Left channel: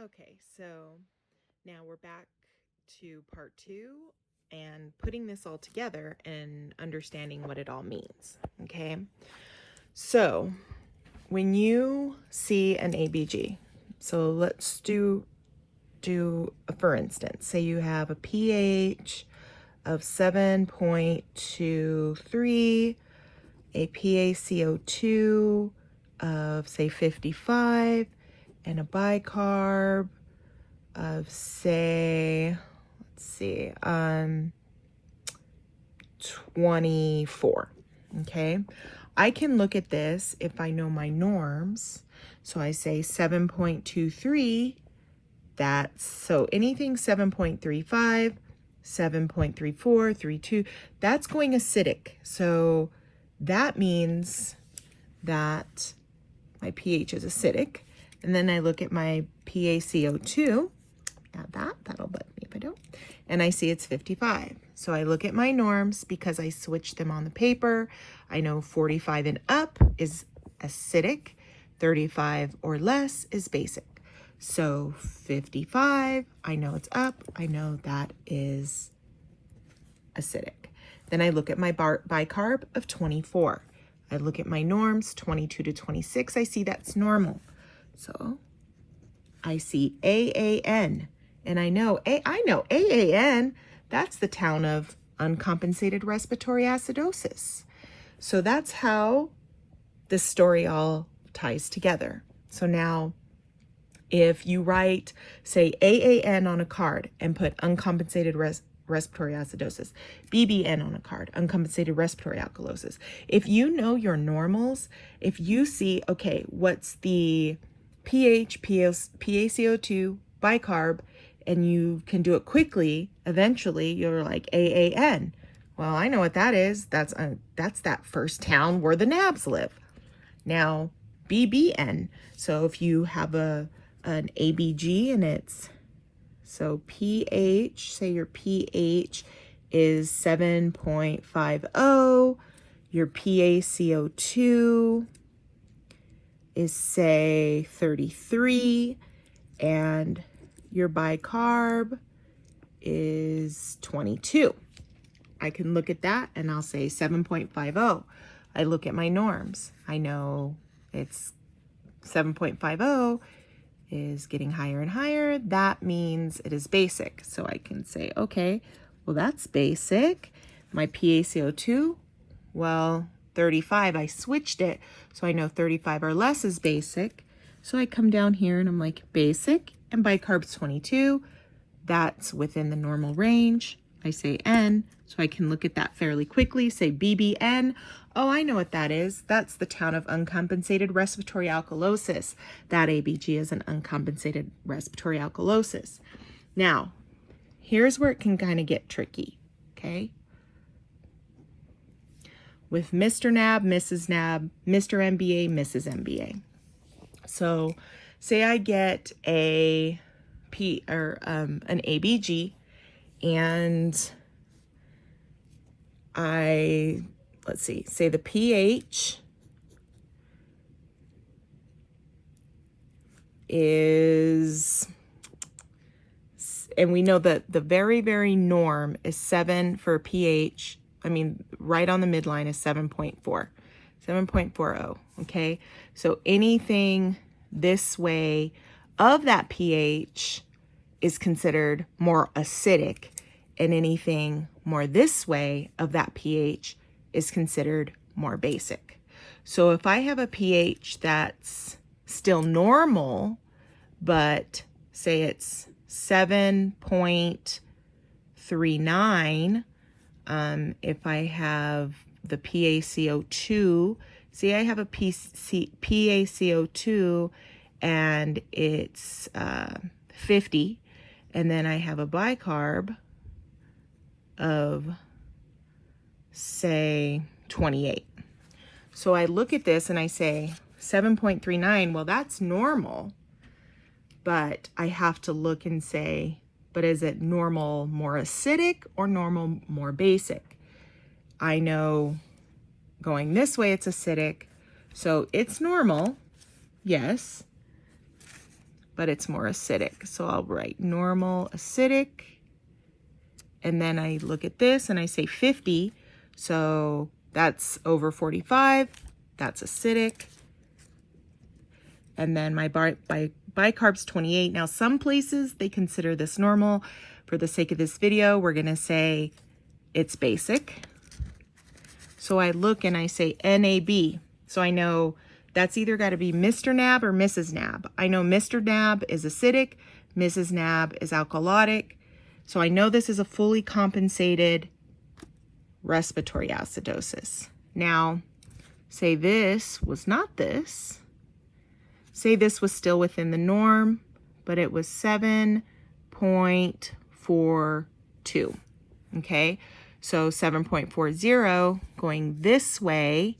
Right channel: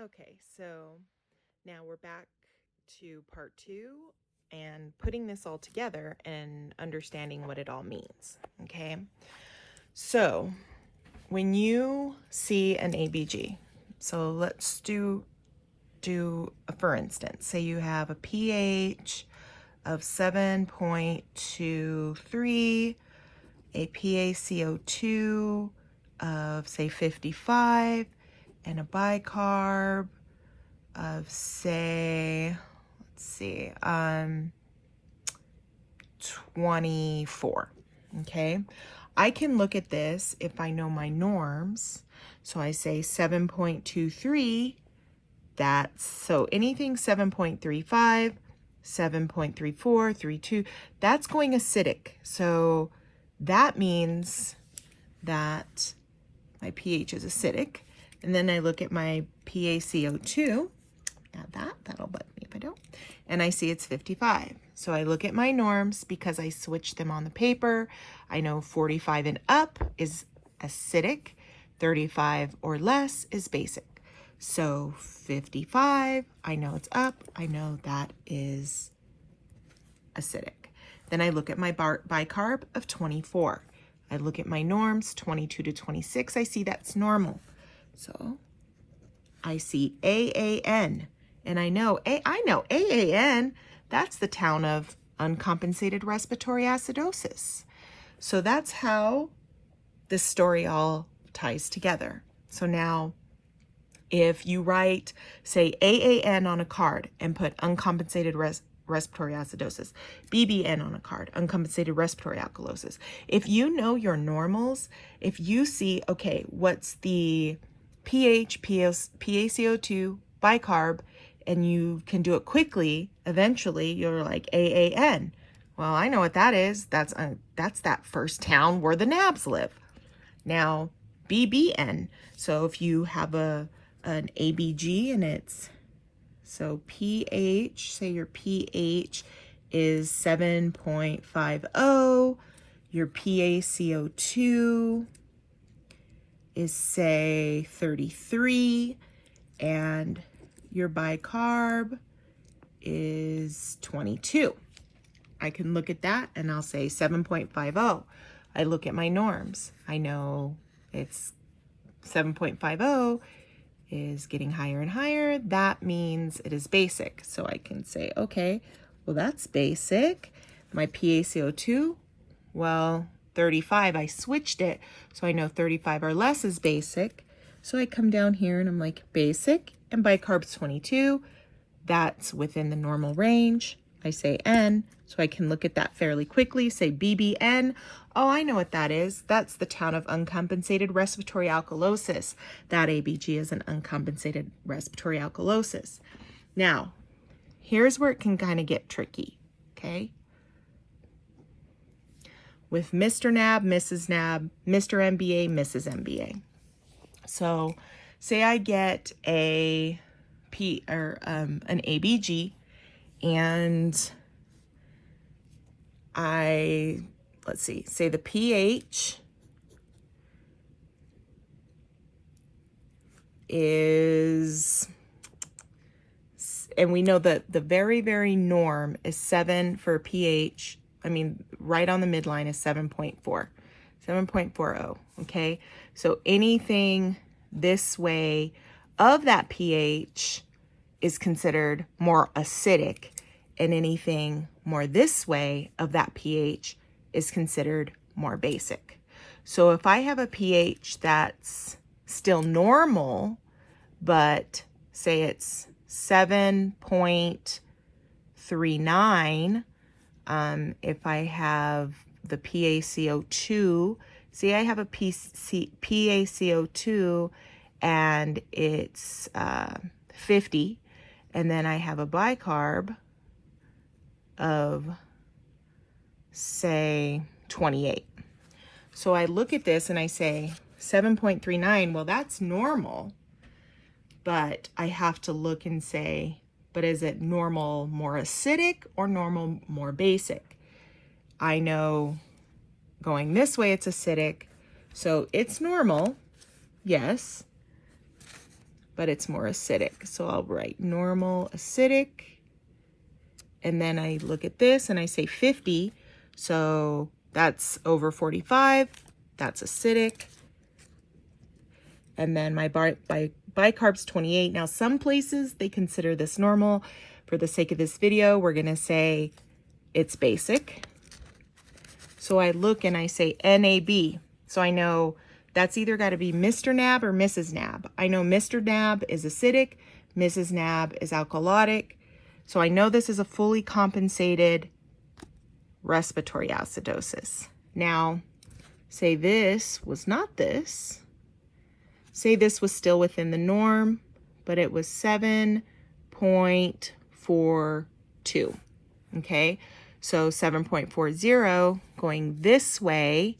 Okay, so now we're back to part 2 and putting this all together and understanding what it all means. Okay, so when you see an ABG, so let's do for instance, say you have a pH of 7.23, a PaCO2 of say 55, and a bicarb of say, let's see, 24. Okay, I can look at this if I know my norms. So I say 7.23, that's, so anything 7.35, 7.34, 32, that's going acidic. So that means that my pH is acidic. And then I look at my PaCO2, add that, that'll bug me if I don't, and I see it's 55. So I look at my norms because I switched them on the paper. I know 45 and up is acidic, 35 or less is basic. So 55, I know it's up, I know that is acidic. Then I look at my bicarb of 24. I look at my norms, 22 to 26, I see that's normal. So I see AAN, and I know AAN, that's the town of uncompensated respiratory acidosis. So that's how this story all ties together. So now if you write, say, AAN on a card and put uncompensated respiratory acidosis, BBN on a card, uncompensated respiratory alkalosis. If you know your normals, if you see, okay, what's the pH, PaCO2, bicarb, and you can do it quickly, eventually you're like AAN. Well, I know what that is. That's that first town where the Nabs live. Now, BBN. So if you have an ABG and it's, so pH, say your pH is 7.50, your PaCO2 is say 33, and your bicarb is 22. I can look at that and I'll say 7.50. I look at my norms. I know it's 7.50 is getting higher and higher. That means it is basic. So I can say, okay, well, that's basic. My PaCO2, well, 35, I switched it. So I know 35 or less is basic. So I come down here and I'm like basic, and bicarb's 22. That's within the normal range. I say N, so I can look at that fairly quickly, say BBN. Oh, I know what that is. That's the town of uncompensated respiratory alkalosis. That ABG is an uncompensated respiratory alkalosis. Now, here's where it can kind of get tricky, okay? With Mr. Nab, Mrs. Nab, Mr. MBA, Mrs. MBA. So say I get an ABG, and let's see, say the pH is, and we know that the very, very norm is 7 for pH. I mean, right on the midline is 7.4, 7.40, okay? So anything this way of that pH is considered more acidic, and anything more this way of that pH is considered more basic. So if I have a pH that's still normal, but say it's 7.39, if I have the PaCO2, see I have a PaCO2 and it's 50, and then I have a bicarb of say 28. So I look at this and I say 7.39, well, that's normal, but I have to look and say, but is it normal more acidic or normal more basic? I know going this way it's acidic, so it's normal, yes, but it's more acidic. So I'll write normal acidic. And then I look at this and I say 50. So that's over 45. That's acidic. And then my bicarb's 28. Now, some places, they consider this normal. For the sake of this video, we're going to say it's basic. So I look and I say NAB. So I know that's either got to be Mr. Nab or Mrs. Nab. I know Mr. Nab is acidic, Mrs. Nab is alkalotic. So I know this is a fully compensated respiratory acidosis. Now, say this was not this. Say this was still within the norm, but it was 7.42. Okay, so 7.40 going this way,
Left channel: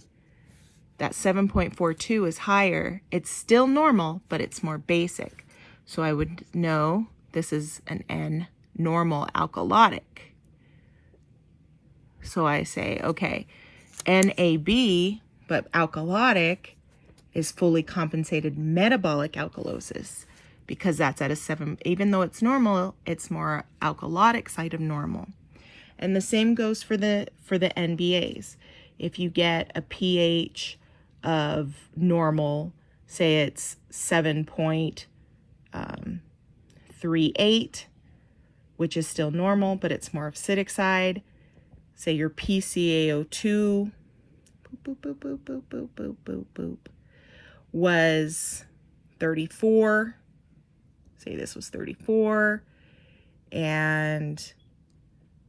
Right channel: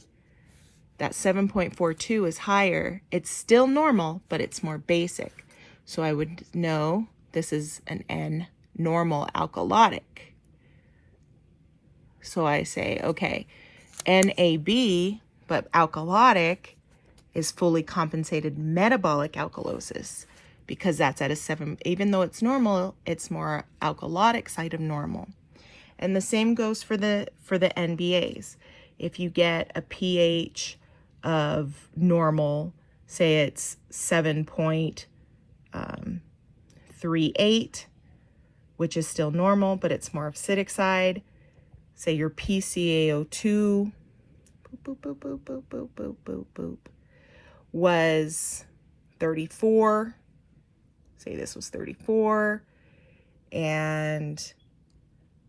that 7.42 is higher. It's still normal, but it's more basic. So I would know this is an N normal alkalotic. So I say, okay, NAB, but alkalotic is fully compensated metabolic alkalosis because that's at a 7. Even though it's normal, it's more alkalotic side of normal. And the same goes for the NBAs. If you get a pH of normal, say it's 7.38, which is still normal, but it's more acidic side. Say your PCaO2 was 34. Say this was 34, and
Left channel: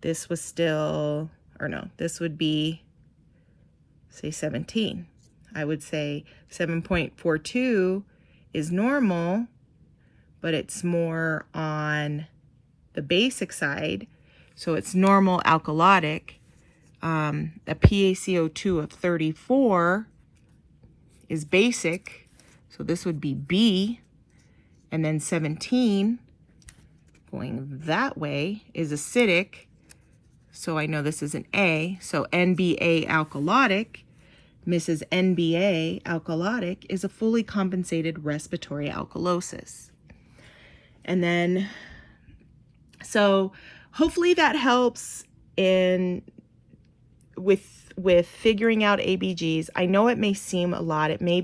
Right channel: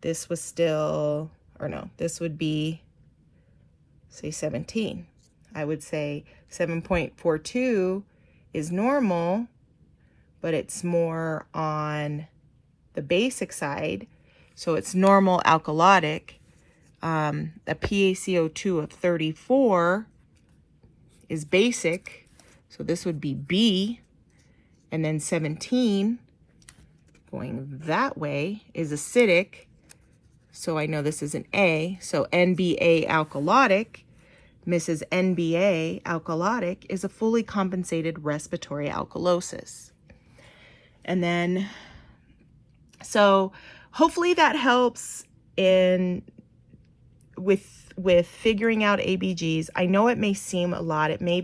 this was still, or no, this would be, say 17. I would say 7.42 is normal, but it's more on the basic side. So it's normal alkalotic. A PaCO2 of 34 is basic. So this would be B. And then 17 going that way is acidic. So I know this is an A. So NBA alkalotic, Mrs. NBA alkalotic is a fully compensated respiratory alkalosis. And then, so hopefully that helps with figuring out ABGs. I know it may seem a lot. It may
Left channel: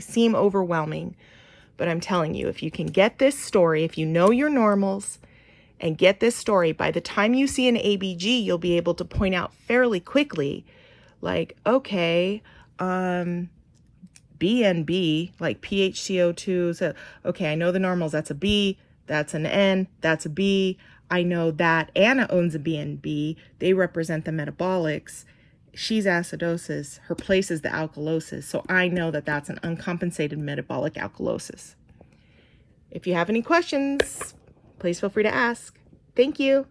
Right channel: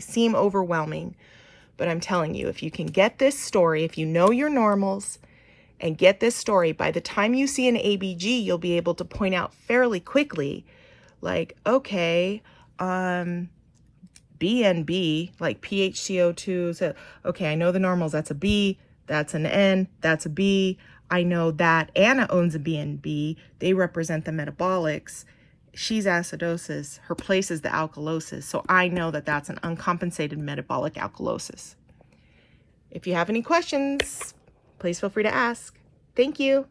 seem overwhelming, but I'm telling you, if you can get this story, if you know your normals and get this story, by the time you see an ABG, you'll be able to point out fairly quickly, like, okay, BNB, like PHCO2. So, okay, I know the normals. That's a B, that's an N, that's a B. I know that Anna owns a BNB. They represent the metabolics. She's acidosis. Her place is the alkalosis. So I know that that's an uncompensated metabolic alkalosis. If you have any questions, please feel free to ask. Thank you.